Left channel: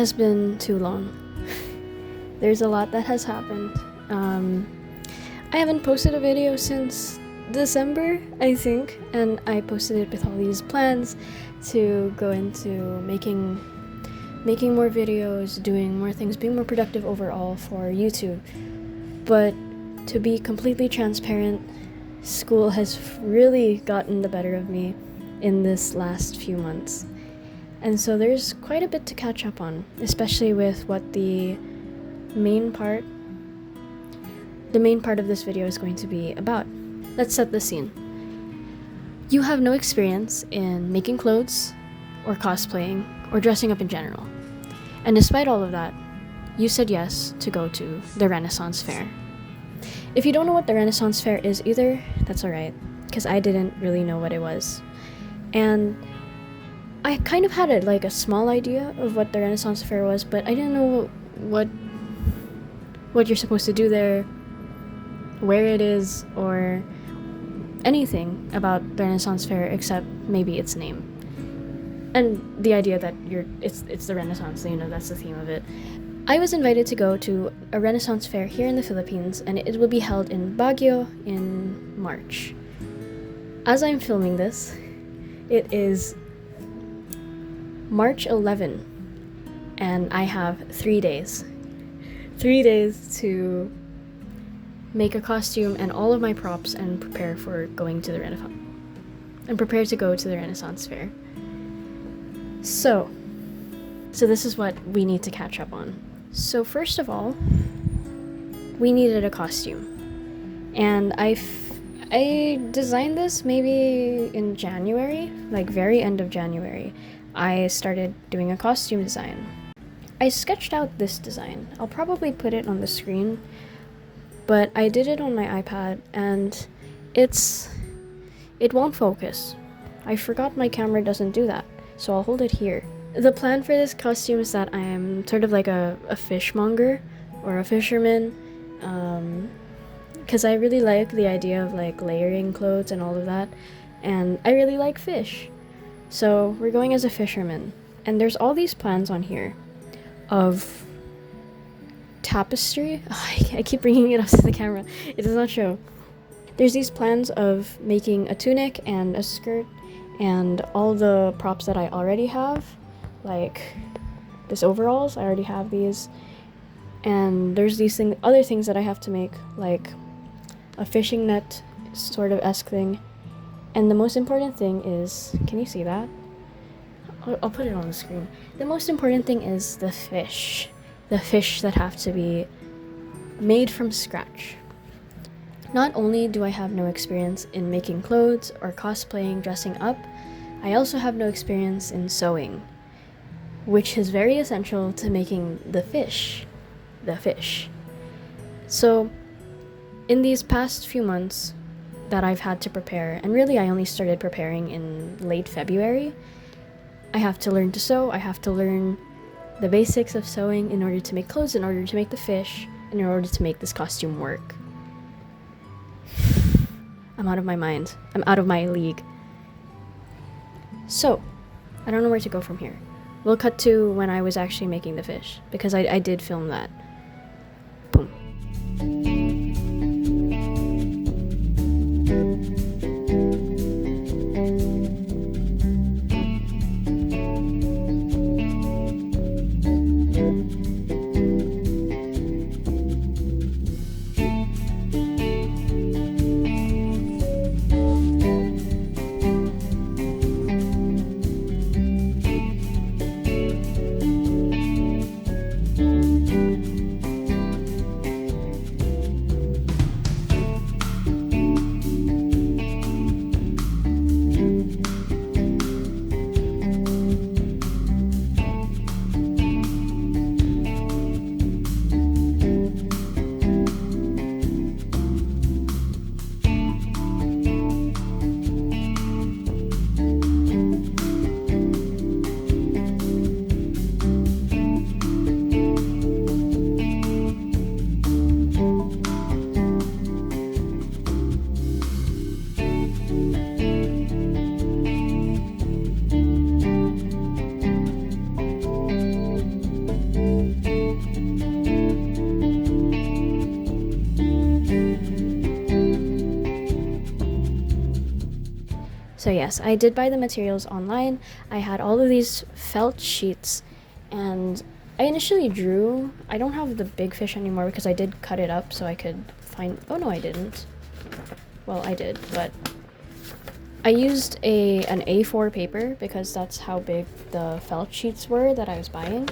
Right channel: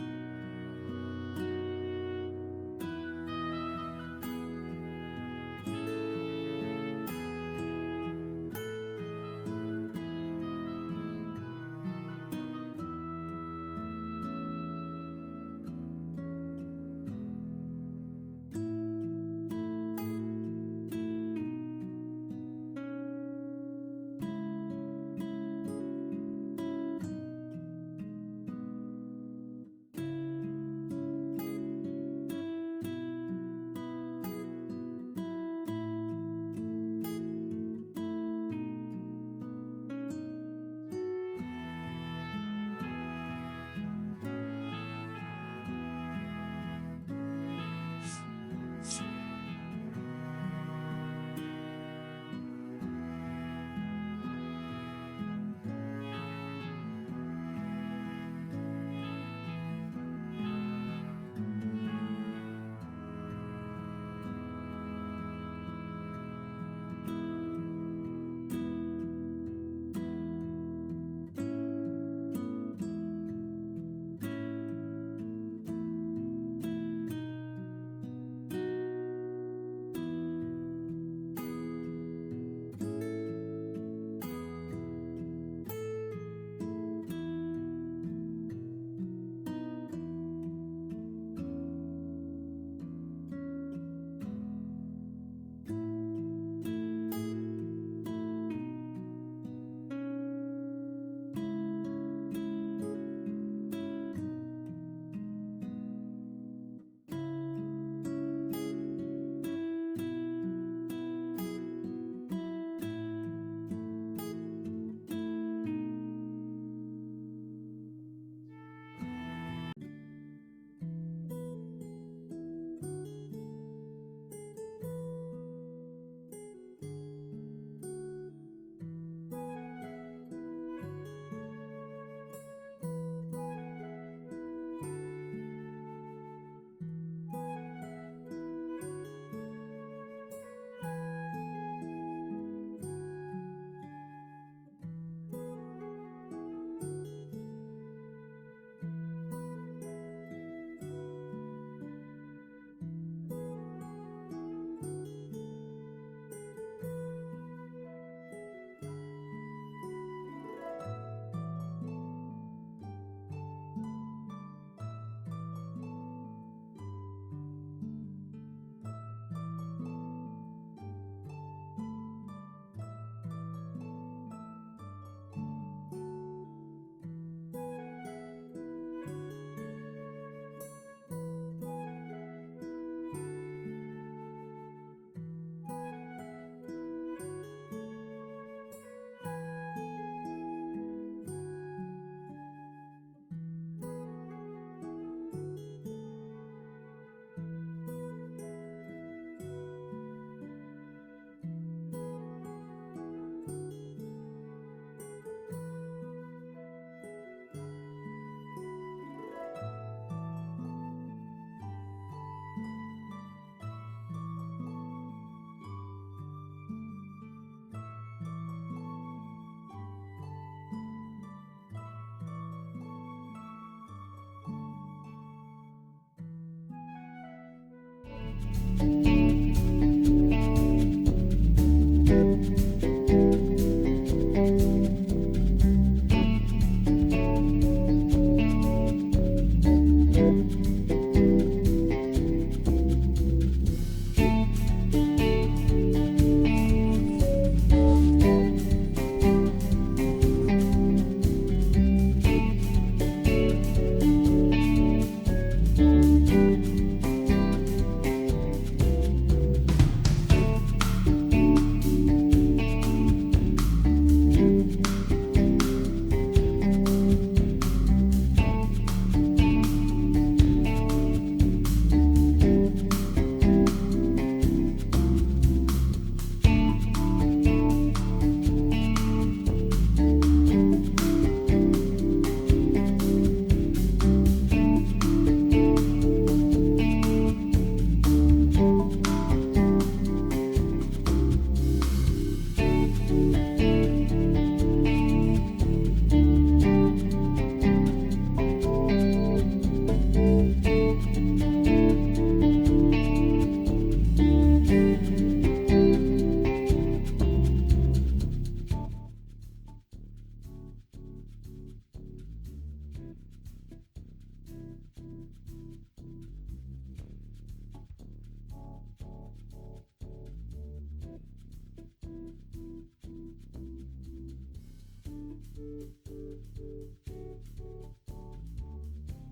has been too long. There's a lot that has happened. I haven't posted a video since December, I think, and I posted it with all these plans to go into making more videos, doing more things, being more productive overall for YouTube. But to be completely transparent, school has really gotten the better of me in this last few months. And so there's quite a bit to catch up on, especially with what the main part of this video is going to be about. Let's set the scene. You have no experience in making clothes, or cosplaying, or dressing up in general. And despite all of that, you said yes to go to the Renaissance Fair. If you don't know what the Renaissance Fair is either, that's alright, because I didn't really know what it was. And I kind of had a small idea of what the Renaissance Fair was, but I didn't know what you're supposed to do there, where it is, or anything about the Renaissance Fair except maybe its name. And the idea that it's the Renaissance, that's the theme of it. I was invited to go to a Renaissance Fair here in the Philippines, and it will be held in Baguio in March. As I'm filming this, it is March 11, and I have 3 days. 3 days to make a costume and all of my props and prepare for going to the Renaissance. And prepare to go to the Renaissance Fair. So this is what we need to catch up on. So first of all, we needed a costume. And I designed this maybe in January, very end of January. I started doing a costume design. I sketched out this design. I'll probably put it on the screen, but I did it on my iPad and it won't focus. I forgot my camera doesn't do that, so I'll hold it here. The plan for this costume is that I am sort of like a fishmonger or a fisherman, because I really like the idea of layering clothes and all of that, and I really like fish. So we're going as a fisherman, and there's all these plans on here of tapestry. I keep bringing it up to the camera. It does not show. There's these plans of making a tunic and a skirt and all the props that I already have, like this overalls. I already have these. And there's these other things that I have to make, like a fishing net sort of esque thing. And the most important thing is, can you see that? I'll put it on the screen. The most important thing is the fish. The fish that have to be made from scratch. Not only do I have no experience in making clothes or cosplaying, dressing up, I also have no experience in sewing, which is very essential to making the fish. So, in these past few months that I've had to prepare, and really I only started preparing in late February, I have to learn to sew, I have to learn the basics of sewing in order to make clothes, in order to make the fish, and in order to make this costume work. I'm out of my mind. I'm out of my league. So, I don't know where to go from here. We'll cut to when I was actually making the fish, because I did film that. Boom. So yes, I did buy the materials online. I had all of these felt sheets, and I initially drew. I don't have the big fish anymore because I did cut it up so I could find. Oh no, I didn't. Well, I did, but I used an A4 paper because that's how big the felt sheets were that I was buying,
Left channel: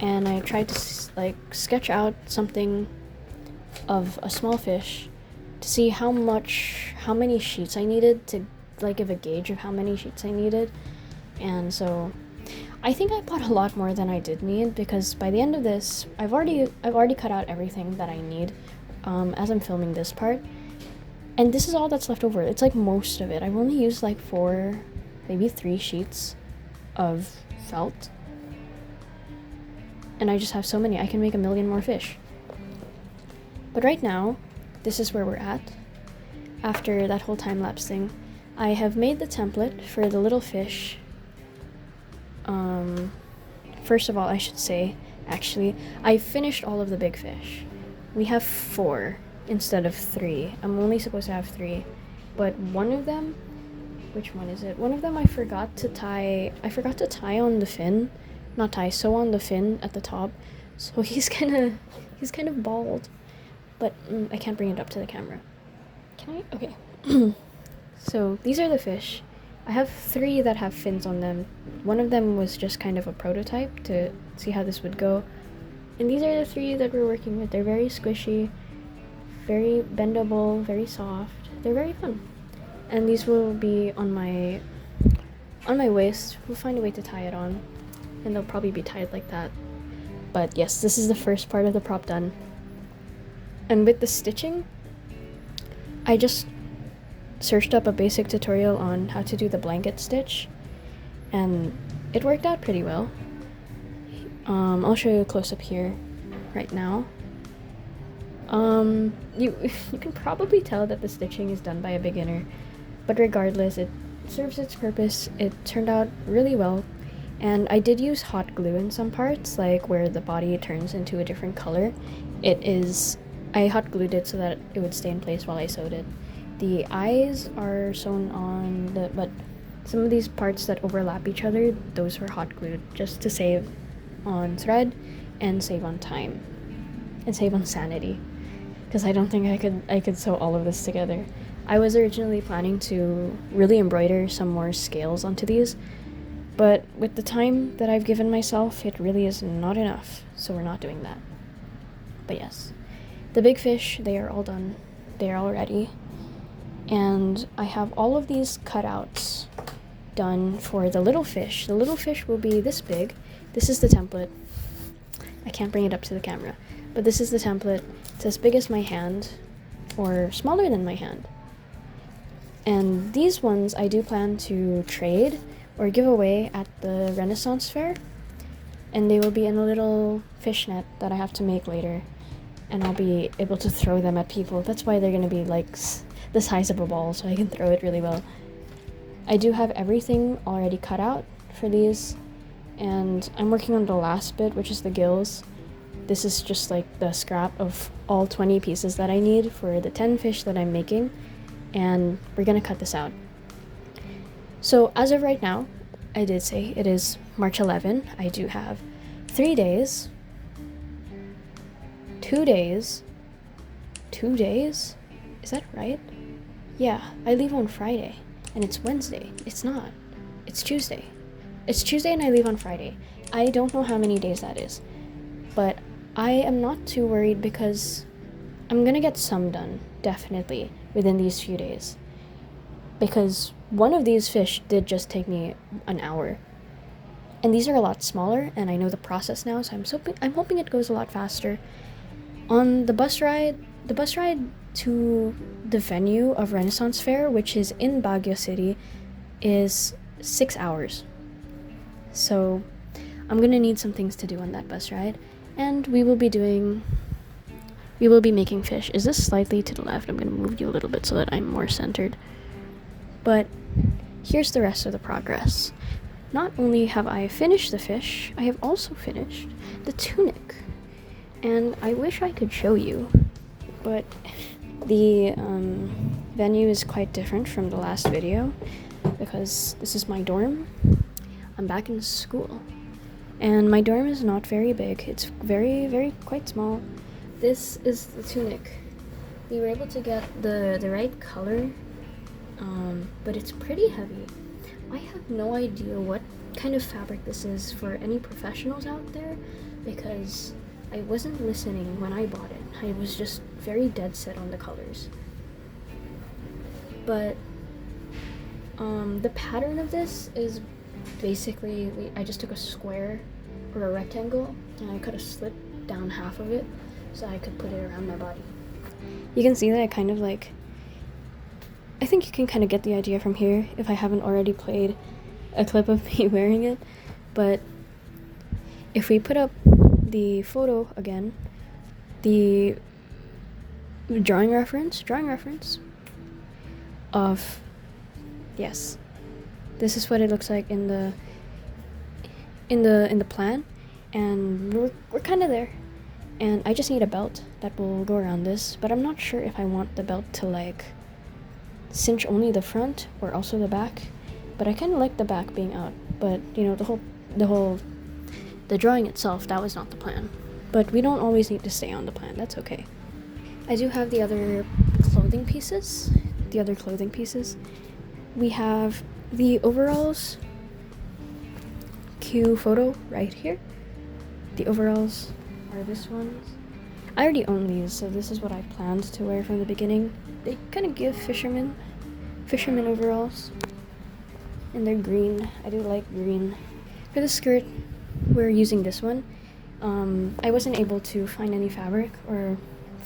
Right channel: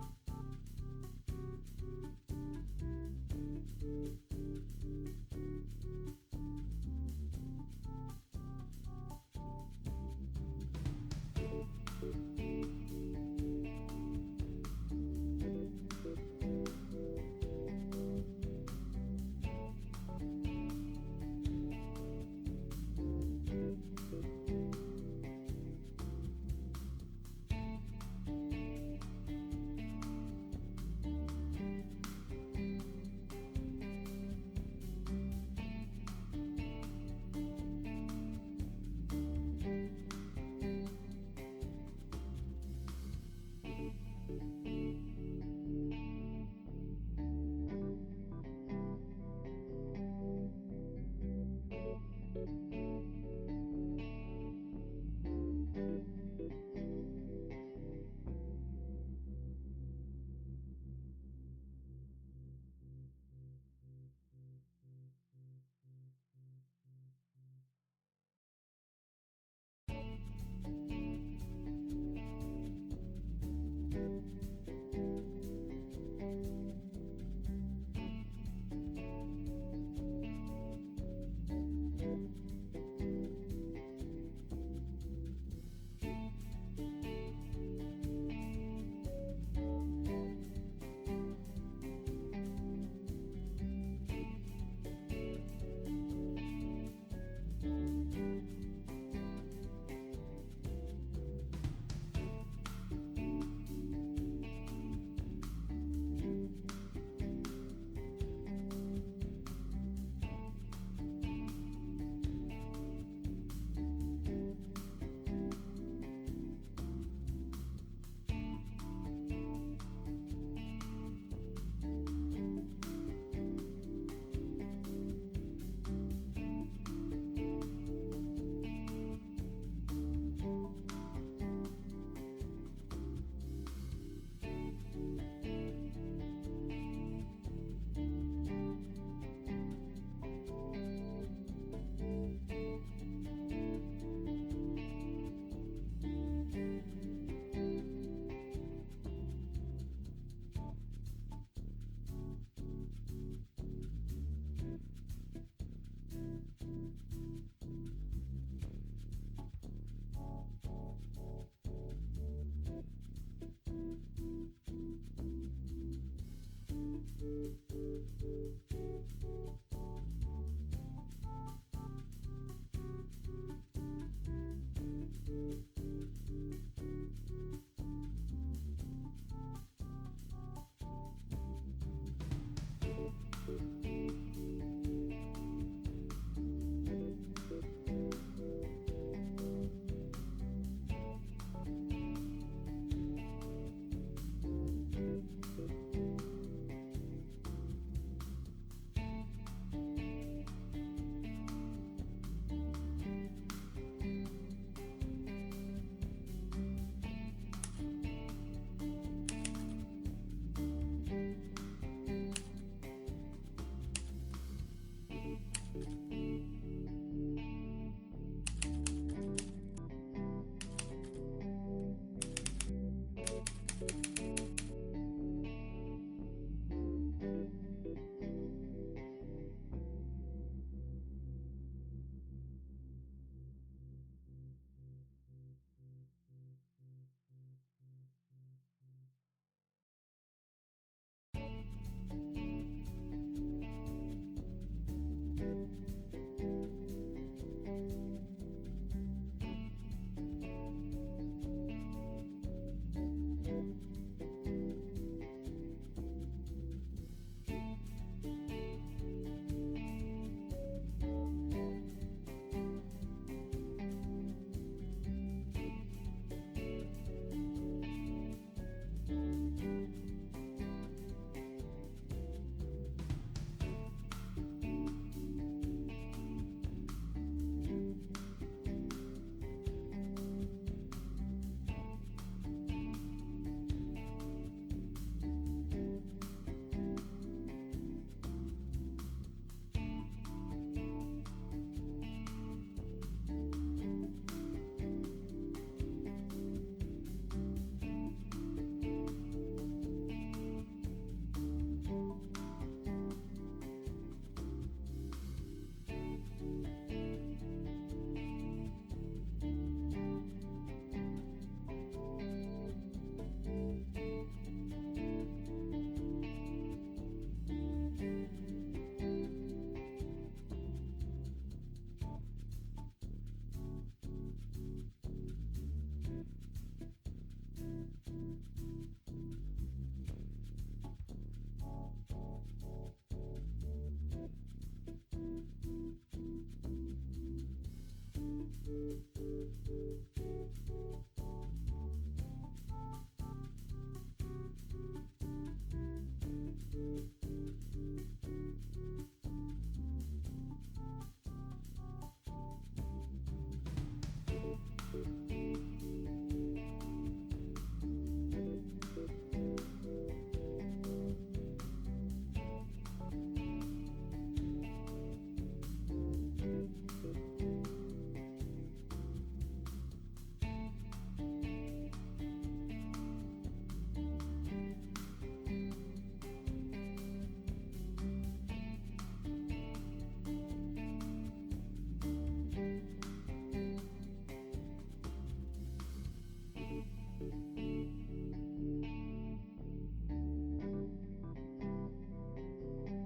and I tried to like sketch out something of a small fish to see how many sheets I needed to like give a gauge of how many sheets I needed. And so I think I bought a lot more than I did need, because by the end of this I've already cut out everything that I need as I'm filming this part, and this is all that's left over. It's like most of it. I've only used like 4, maybe 3 sheets of felt, and I just have so many. I can make 1 million more fish. But right now, this is where we're at. After that whole time-lapse thing, I have made the template for the little fish. First of all, I should say, actually, I finished all of the big fish. We have 4 instead of 3. I'm only supposed to have 3. But one of them, which one is it? One of them I forgot to tie on the fin. Not tie, sew on the fin at the top. So he's kind of bald. But I can't bring it up to the camera. Can I? Okay. So these are the fish. I have 3 that have fins on them. One of them was just kind of a prototype to see how this would go. And these are the 3 that we're working with. They're very squishy, very bendable, very soft. They're very fun. And these will be on my waist. We'll find a way to tie it on. And they'll probably be tied like that. But yes, this is the first part of the prop done. And with the stitching, I just searched up a basic tutorial on how to do the blanket stitch, and it worked out pretty well. I'll show you a close-up here right now. You can probably tell that the stitching is done by a beginner, but regardless, it serves its purpose. It turned out really well, and I did use hot glue in some parts, like where the body turns into a different color. I hot glued it so that it would stay in place while I sewed it. The eyes are sewn on, but some of these parts that overlap each other, those were hot glued just to save on thread and save on time and save on sanity, because I don't think I could sew all of this together. I was originally planning to really embroider some more scales onto these, but with the time that I've given myself, it really is not enough, so we're not doing that. But yes, the big fish, they are all done. They are all ready. And I have all of these cutouts done for the little fish. The little fish will be this big. This is the template. I can't bring it up to the camera, but this is the template. It's as big as my hand, or smaller than my hand. And these ones I do plan to trade or give away at the Renaissance Fair. And they will be in a little fish net that I have to make later. And I'll be able to throw them at people. That's why they're gonna be like the size of a ball, so I can throw it really well. I do have everything already cut out for these, and I'm working on the last bit, which is the gills. This is just like the scrap of all 20 pieces that I need for the 10 fish that I'm making, and we're gonna cut this out. So as of right now, I did say it is March 11. I do have 3 days, 2 days, 2 days? Is that right? Yeah, I leave on Friday, and it's Wednesday. It's not. It's Tuesday. It's Tuesday and I leave on Friday. I don't know how many days that is, but I am not too worried because I'm gonna get some done, definitely, within these few days. Because one of these fish did just take me an hour. And these are a lot smaller, and I know the process now, so I'm hoping it goes a lot faster. On the bus ride to the venue of Renaissance Fair, which is in Baguio City, is 6 hours. So I'm gonna need some things to do on that bus ride, and we will be making fish. Is this slightly to the left? I'm gonna move you a little bit so that I'm more centered. But here's the rest of the progress. Not only have I finished the fish, I have also finished the tunic. And I wish I could show you, but the venue is quite different from the last video. because this is my dorm. I'm back in school. And my dorm is not very big. It's very quite small. This is the tunic. We were able to get the right color, but it's pretty heavy. I have no idea what kind of fabric this is for any professionals out there, because I wasn't listening when I bought it. I was just very dead set on the colors. But the pattern of this is basically, I just took a square or a rectangle and I cut a slit down half of it so I could put it around my body. You can see that I think you can kind of get the idea from here if I haven't already played a clip of me wearing it. But if we put up the photo again, the drawing reference of, yes, this is what it looks like in the plan, and we're kind of there. And I just need a belt that will go around this, but I'm not sure if I want the belt to like cinch only the front or also the back. But I kind of like the back being out. But you know, the drawing itself, that was not the plan. But we don't always need to stay on the plan. That's okay. I do have the other clothing pieces. We have the overalls. Cue photo right here. The overalls are this ones. I already own these, so this is what I planned to wear from the beginning. They kind of give fisherman overalls, and they're green. I do like green. For the skirt, we're using this one. I wasn't able to find any fabric or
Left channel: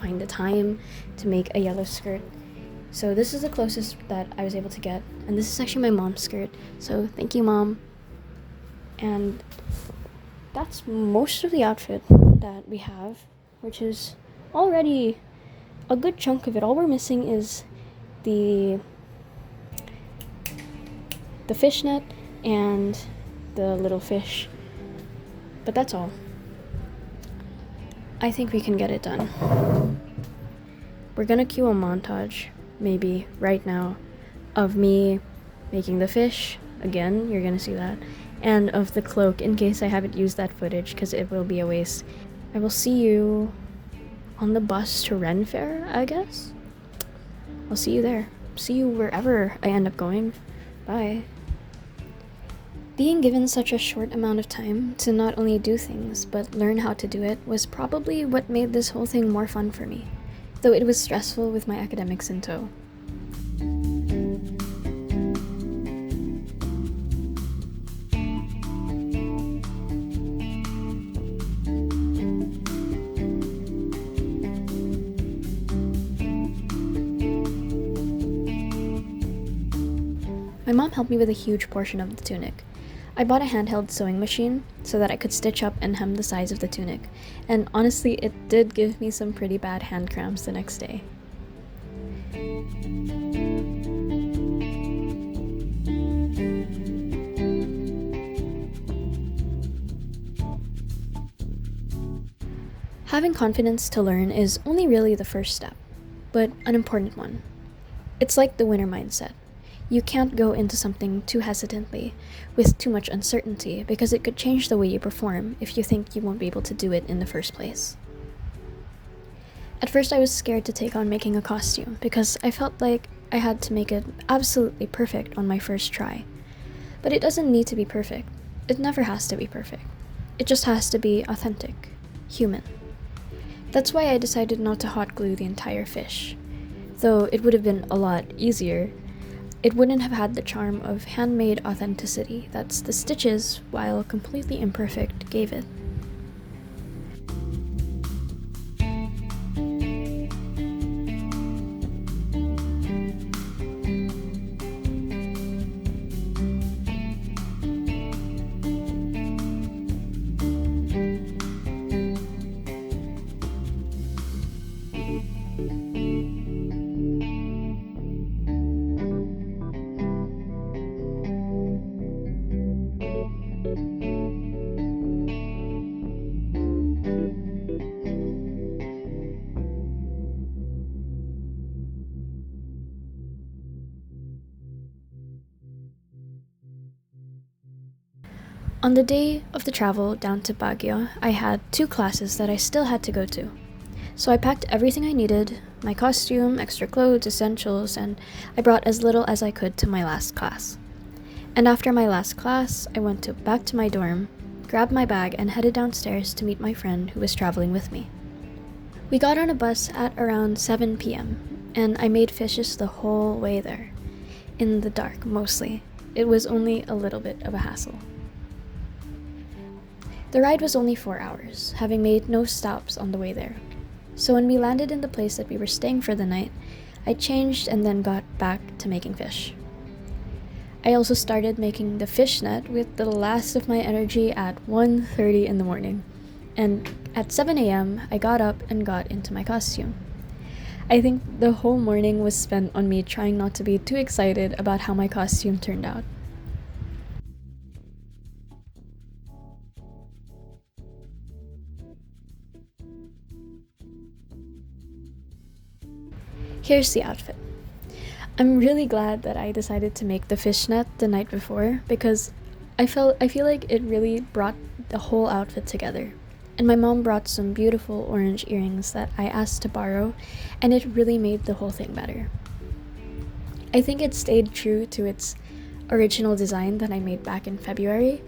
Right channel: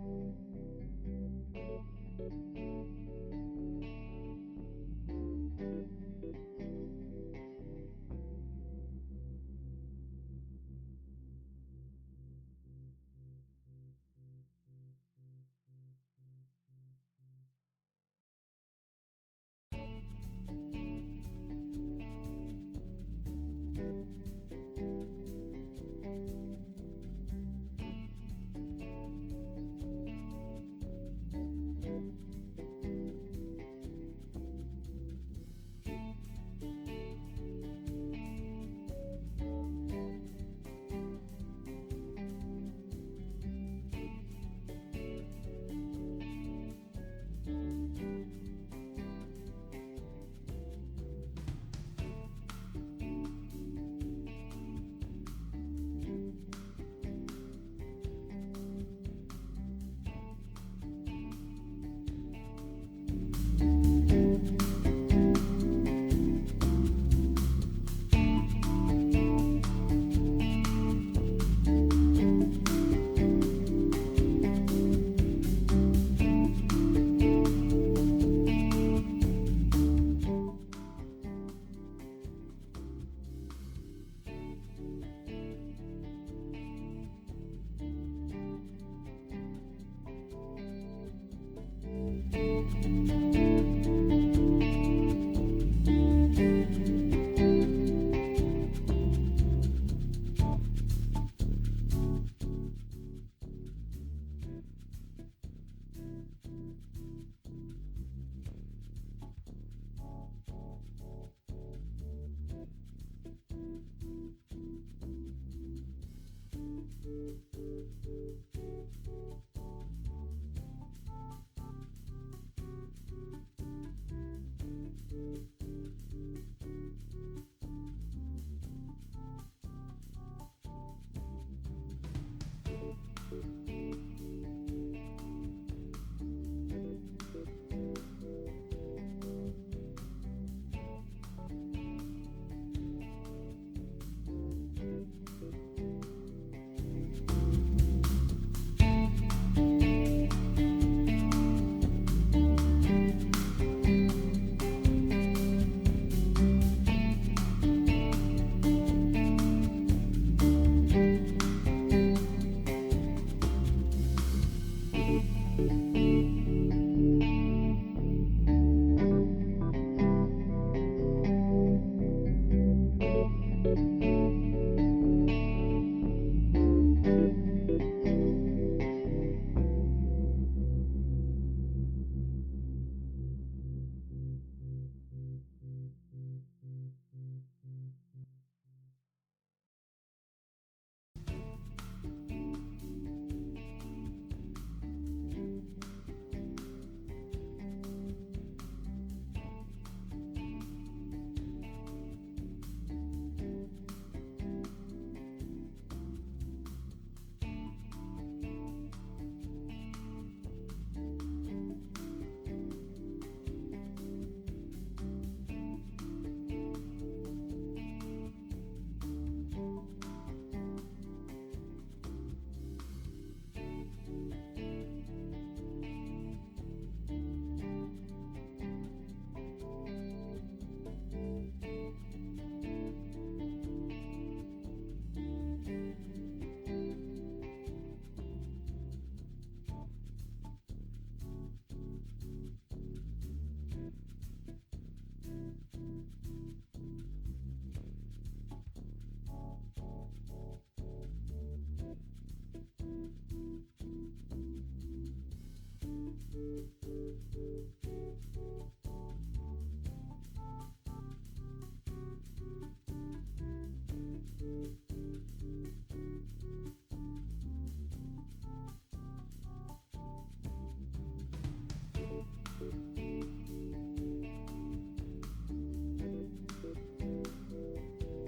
find the time to make a yellow skirt, so this is the closest that I was able to get, and this is actually my mom's skirt, so thank you, Mom. And that's most of the outfit that we have, which is already a good chunk of it. All we're missing is the fishnet and the little fish, but that's all. I think we can get it done. We're gonna cue a montage, maybe right now, of me making the fish. Again, you're gonna see that. And of the cloak, in case I haven't used that footage, because it will be a waste. I will see you on the bus to RenFaire, I guess? I'll see you there. See you wherever I end up going. Bye. Being given such a short amount of time to not only do things, but learn how to do it was probably what made this whole thing more fun for me, though it was stressful with my academics in tow. My mom helped me with a huge portion of the tunic. I bought a handheld sewing machine so that I could stitch up and hem the size of the tunic, and honestly, it did give me some pretty bad hand cramps the next day. Having confidence to learn is only really the first step, but an important one. It's like the winner mindset. You can't go into something too hesitantly, with too much uncertainty, because it could change the way you perform if you think you won't be able to do it in the first place. At first I was scared to take on making a costume, because I felt like I had to make it absolutely perfect on my first try. But it doesn't need to be perfect. It never has to be perfect. It just has to be authentic, human. That's why I decided not to hot glue the entire fish. Though it would have been a lot easier, it wouldn't have had the charm of handmade authenticity that's the stitches, while completely imperfect, gave it. On the day of the travel down to Baguio, I had 2 classes that I still had to go to. So I packed everything I needed, my costume, extra clothes, essentials, and I brought as little as I could to my last class. And after my last class, I went back to my dorm, grabbed my bag, and headed downstairs to meet my friend who was traveling with me. We got on a bus at around 7 p.m., and I made fishes the whole way there. In the dark, mostly. It was only a little bit of a hassle. The ride was only 4 hours, having made no stops on the way there. So when we landed in the place that we were staying for the night, I changed and then got back to making fish. I also started making the fish net with the last of my energy at 1:30 in the morning. And at 7 a.m., I got up and got into my costume. I think the whole morning was spent on me trying not to be too excited about how my costume turned out. Here's the outfit. I'm really glad that I decided to make the fishnet the night before because I feel like it really brought the whole outfit together. And my mom brought some beautiful orange earrings that I asked to borrow, and it really made the whole thing better. I think it stayed true to its original design that I made back in February,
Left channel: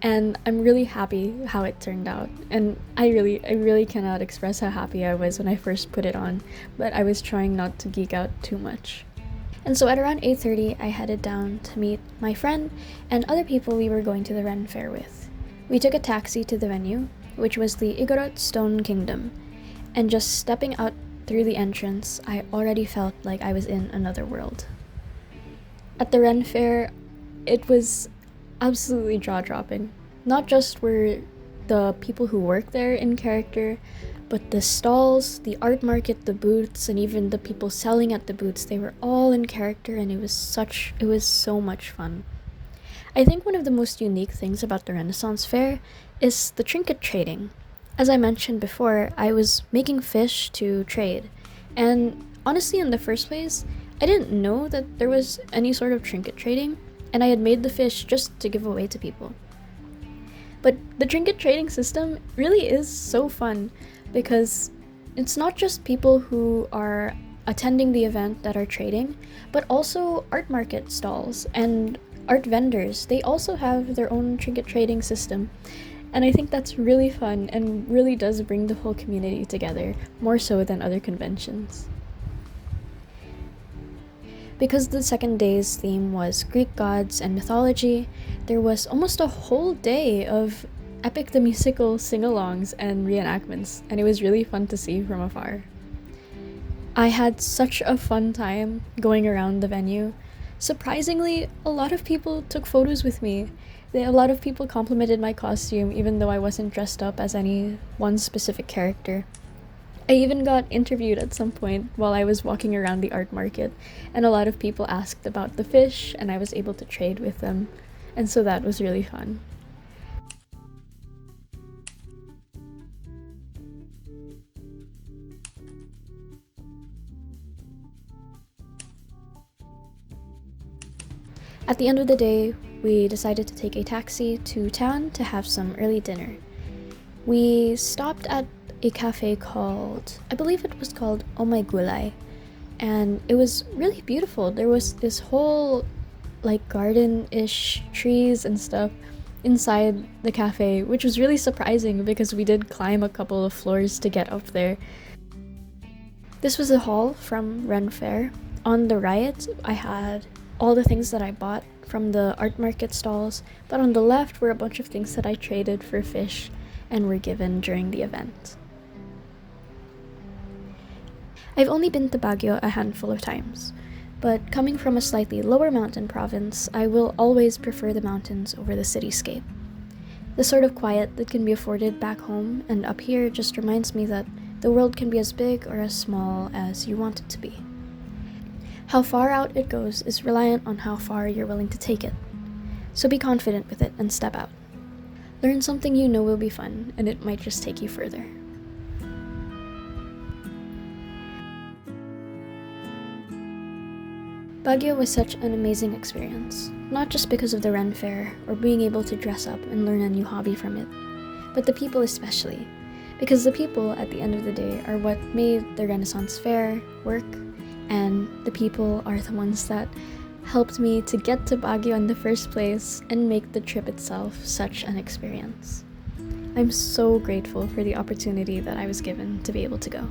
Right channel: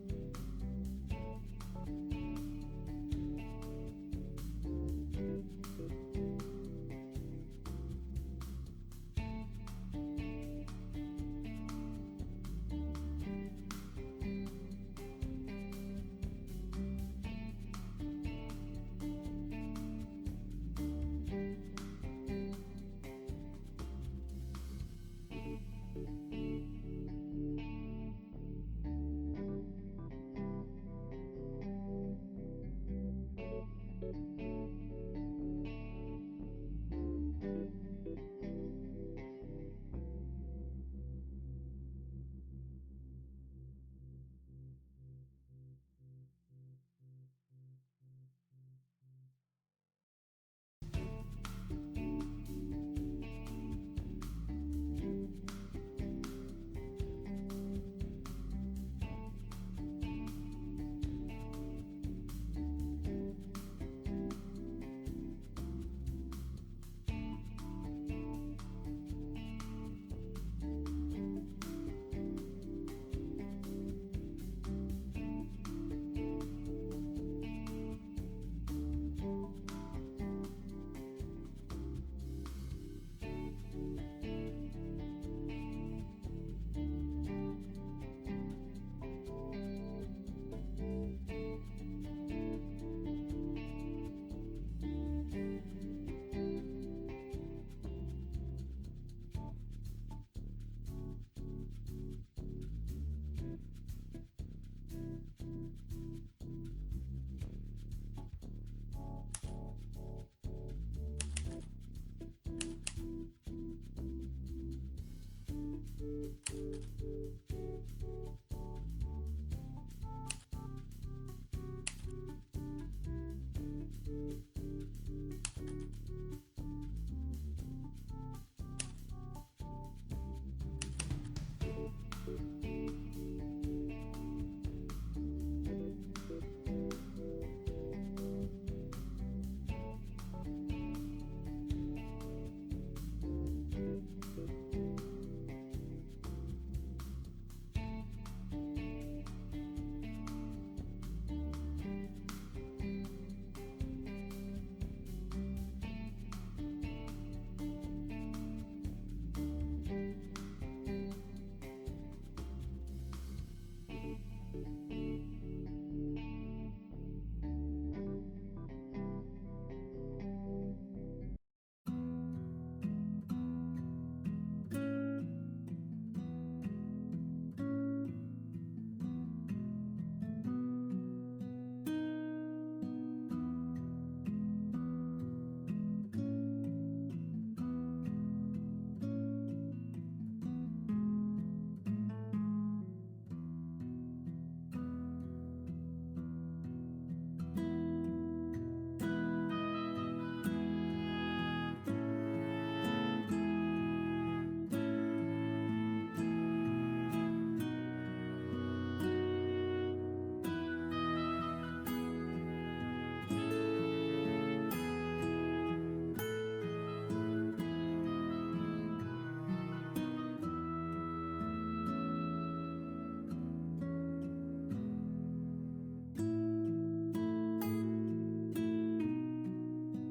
and I'm really happy how it turned out. And I really cannot express how happy I was when I first put it on, but I was trying not to geek out too much. And so at around 8:30, I headed down to meet my friend and other people we were going to the RenFaire with. We took a taxi to the venue, which was the Igorot Stone Kingdom, and just stepping out through the entrance, I already felt like I was in another world. At the RenFaire, it was absolutely jaw-dropping. Not just were the people who work there in character, but the stalls, the art market, the booths, and even the people selling at the booths, they were all in character, and it was so much fun. I think one of the most unique things about the Renaissance Fair is the trinket trading. As I mentioned before, I was making fish to trade, and honestly, in the first place, I didn't know that there was any sort of trinket trading, and I had made the fish just to give away to people. But the trinket trading system really is so fun because it's not just people who are attending the event that are trading, but also art market stalls and art vendors. They also have their own trinket trading system. And I think that's really fun and really does bring the whole community together, more so than other conventions. Because the second day's theme was Greek gods and mythology, there was almost a whole day of Epic the Musical sing-alongs and reenactments, and it was really fun to see from afar. I had such a fun time going around the venue. Surprisingly, a lot of people took photos with me. A lot of people complimented my costume even though I wasn't dressed up as any one specific character. I even got interviewed at some point while I was walking around the art market, and a lot of people asked about the fish, and I was able to trade with them, and so that was really fun. At the end of the day, we decided to take a taxi to town to have some early dinner. We stopped at a cafe called, I believe it was called Oh My Gulay, and it was really beautiful. There was this whole garden-ish trees and stuff inside the cafe, which was really surprising because we did climb a couple of floors to get up there. This was the hall from RenFaire. On the right, I had all the things that I bought from the art market stalls, but on the left were a bunch of things that I traded for fish and were given during the event. I've only been to Baguio a handful of times, but coming from a slightly lower mountain province, I will always prefer the mountains over the cityscape. The sort of quiet that can be afforded back home and up here just reminds me that the world can be as big or as small as you want it to be. How far out it goes is reliant on how far you're willing to take it. So be confident with it and step out. Learn something you know will be fun, and it might just take you further. Baguio was such an amazing experience, not just because of the RenFaire or being able to dress up and learn a new hobby from it, but the people especially, because the people at the end of the day are what made the Renaissance Fair work, and the people are the ones that helped me to get to Baguio in the first place and make the trip itself such an experience. I'm so grateful for the opportunity that I was given to be able to go.